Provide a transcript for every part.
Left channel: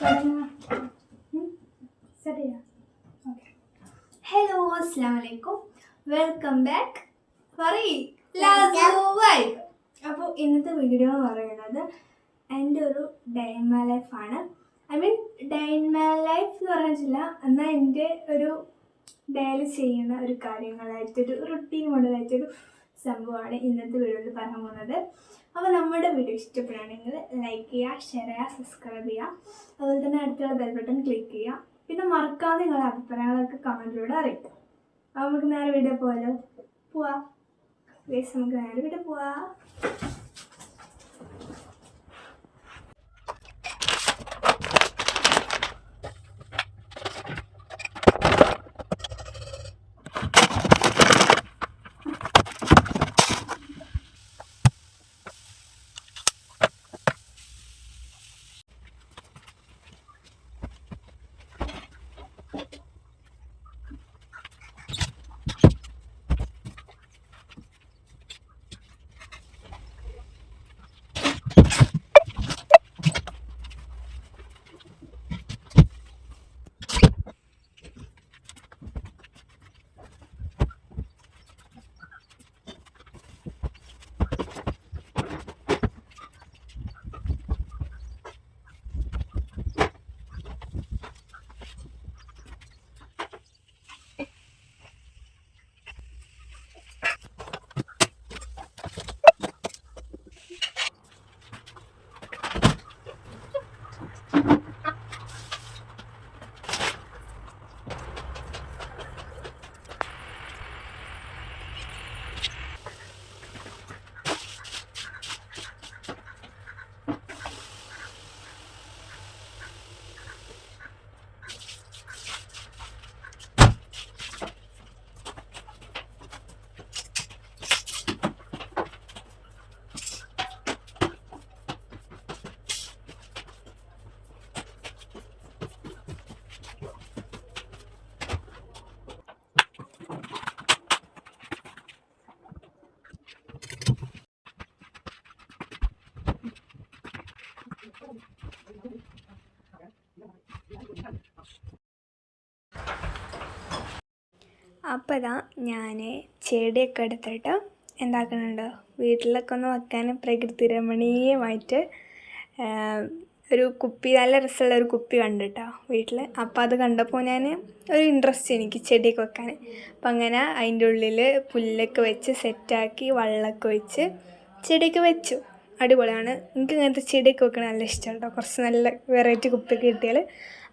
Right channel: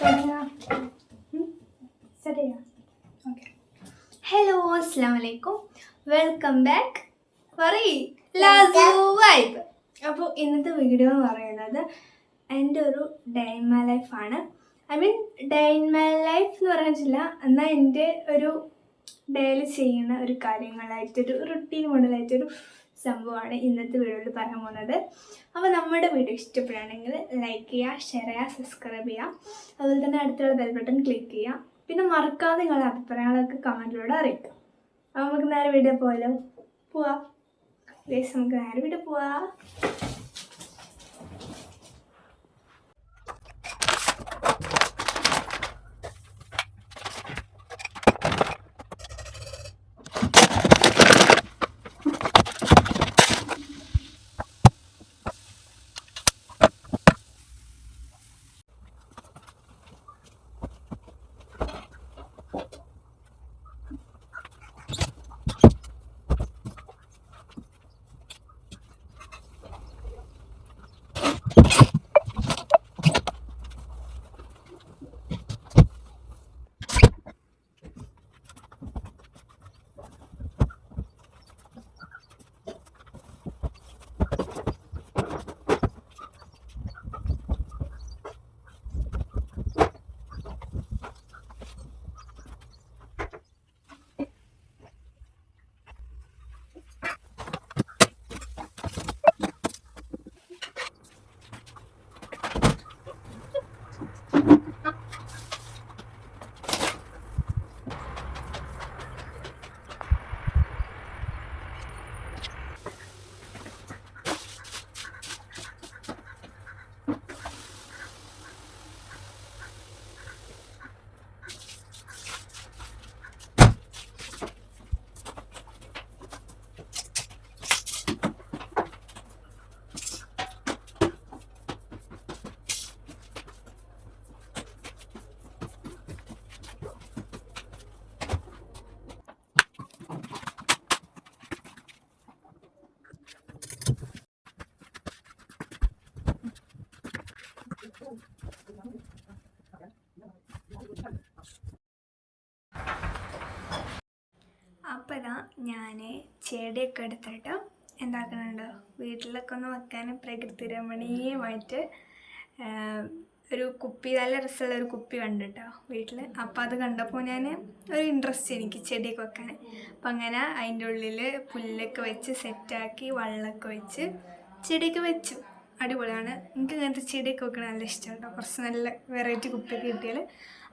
Hello, അസ്സലാമു അലൈക്കും, welcome back ലാസു vibe. അപ്പോൾ ഇന്നത്തെ വീഡിയോ എന്ന് പറയുന്നത് എൻ്റെ ഒരു ഡേ ഇൻ മൈ ലൈഫാണ്. I mean day in my life എന്ന് പറഞ്ഞിട്ടില്ല, എന്നാൽ എൻ്റെ ഒരു ഡെയിലി ചെയ്യുന്ന ഒരു കാര്യങ്ങളായിട്ടൊരു റുട്ടീൻ മോഡലായിട്ടൊരു സംഭവമാണ് ഇന്നത്തെ വീഡിയോയിൽ പറയാൻ പോകുന്നത്. അപ്പോൾ നമ്മുടെ വീഡിയോ ഇഷ്ടപ്പെടുകയാണെങ്കിൽ ലൈക്ക് ചെയ്യുക, ഷെയർ ചെയ്യുക, സബ്സ്ക്രൈബ് ചെയ്യുക. അതുപോലെ തന്നെ അടുത്തുള്ള ബെൽ ബട്ടൺ ക്ലിക്ക് ചെയ്യുക. പിന്നെ മറക്കാതെ നിങ്ങളുടെ അഭിപ്രായങ്ങളൊക്കെ കമൻറ്റിലൂടെ അറിയിക്കാം. അപ്പോൾ നമുക്ക് നേരെ വീഡിയോ പോവാം. നമുക്ക് നേരെ വീഡിയോ പോവാം. അപ്പോൾ ഇതാ ഞാൻ ചെടിയൊക്കെ എടുത്തിട്ട് എന്താക്കുന്നുണ്ട്, വീട്ടിലൊക്കെ ഒന്ന് വെക്കാൻ പ്രകൃതി രമണീയമായിട്ട് ഒരു കുപ്പി, നല്ല രസമുള്ള ഒരു കുപ്പി കണ്ടിട്ടോ വീട്ടിൽ. അപ്പോൾ അത് കണ്ടപ്പോൾ ഞാൻ ഒരു ഇൻട്രസ്റ്റ് എനിക്ക് ചെടിയൊക്കെ വെക്കാൻ. അപ്പം അങ്ങനെ അതിൻ്റെ ഉള്ളിൽ പുല്ലൊക്കെ വെച്ച് സെറ്റാക്കി വെള്ളമൊക്കെ വെച്ച് ചെടിയൊക്കെ വെച്ചു. അടിപൊളിയാണ്. എനിക്ക് ഇങ്ങനത്തെ ചെടിയൊക്കെ വെക്കാൻ നല്ല ഇഷ്ടമാണ് കേട്ടോ. കുറച്ച് നല്ല വെറൈറ്റി കുപ്പിയൊക്കെ കിട്ടിയാൽ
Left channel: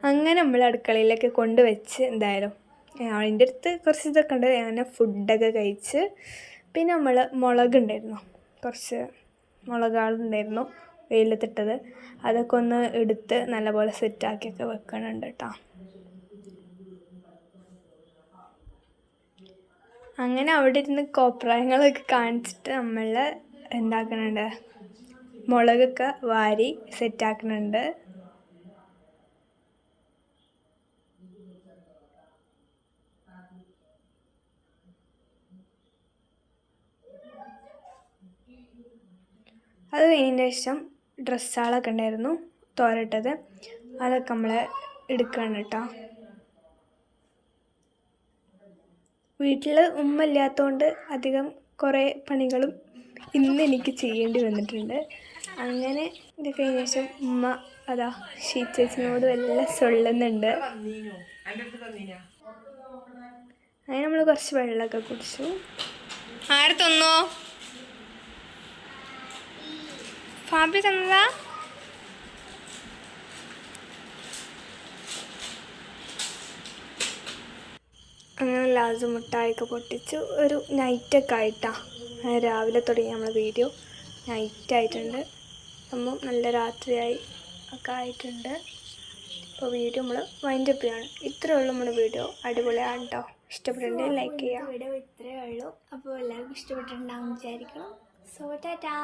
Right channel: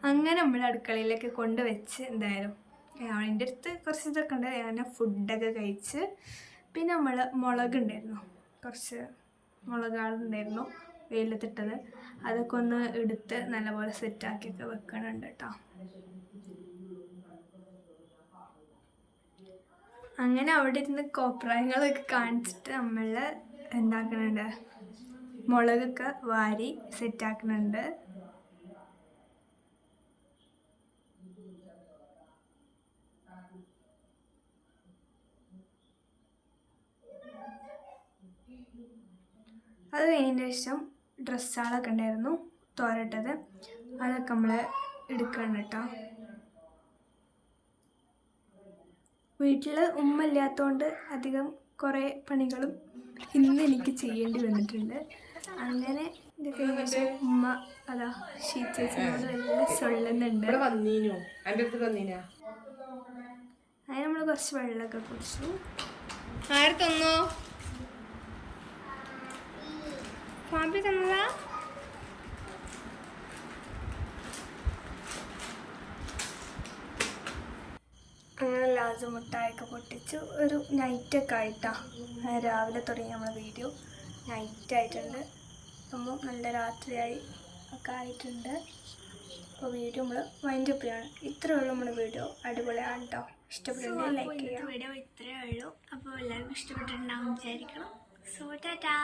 അങ്ങനെ നമ്മൾ അടുക്കളയിലൊക്കെ കൊണ്ട് വെച്ച് എന്തായാലും അതിൻ്റെ അടുത്ത് കുറച്ച് ഇതൊക്കെ ഉണ്ട്. ഞാൻ ഫുഡൊക്കെ കഴിച്ച് പിന്നെ മുളകുണ്ടായിരുന്നു, കുറച്ച് മുളകുകളുണ്ടായിരുന്നു വെയിലത്തിട്ടത്, അതൊക്കെ ഒന്ന് എടുത്ത് നല്ലപോലെ സെറ്റാക്കിയൊക്കെ വെക്കണുണ്ട് കേട്ടോ. അങ്ങനെ അവിടെ ഇരുന്ന് കോപ്രായങ്ങളൊക്കെ കാണിച്ചിട്ട് നമ്മൾ എന്താക്കുന്നുണ്ട്, മുളകൊക്കെ വാരി സെറ്റാക്കുന്നുണ്ട്. അത് കഴിഞ്ഞതിന് ശേഷം ഡ്രസ്സുകളൊക്കെ ഉണ്ടായിരുന്നു തോരട്ടത്, അതൊക്കെ നമ്മൾ എടുക്കണം കേട്ടോ. വീട്ടിൽ ഉമ്മ ഇല്ലാത്തതുകൊണ്ട് അധികം കുറേ പണികളും ഇന്ന് എനിക്ക് ചെയ്യേണ്ടി വന്നിട്ടുണ്ട്. അങ്ങനെ ഇത് കഴിഞ്ഞ ശേഷം ഉമ്മ അതാ ഷീച്ചേച്ചിനോട് വല്ല സൊള്ളുന്നുണ്ട്. അങ്ങനെ നമ്മൾ കുറച്ച് വെള്ളമൊക്കെ കുടിച്ചു. ആര് തന്നോ? ഫാബി തന്നതാ. അങ്ങനെ ലാസ്റ്റ് മുട്ടായൊക്കെ പൊട്ടിച്ചു. ഒരു നൈറ്റൊക്കെ ആയിട്ടാണ്, രാവിലെ തുടങ്ങി നമ്മൾ വീഡിയോ നൈറ്റായിട്ടുണ്ട്. അപ്പം നല്ല രാത്രിയായി ഒക്കെ ആയിട്ടുണ്ട്. അപ്പോൾ വീഡിയോ നമ്മൾ വൈൻഡ് അപ്പ് ചെയ്യാണ്. ഇത്രയേ ഉള്ളൂ നമ്മുടെ വീഡിയോ. അടിപൊളിയാണ് കേട്ടോ. ഇഷ്ടപ്പെട്ടിട്ടുണ്ടെങ്കിൽ ലൈക്ക് ചെയ്യാം. വീഡിയോ ഇത്രയേ ഉള്ളൂ. അപ്പോൾ എല്ലാവർക്കും ഇഷ്ടപ്പെട്ടിട്ടുണ്ടാവും വിചാരിക്കണം. സോ ടാറ്റാ.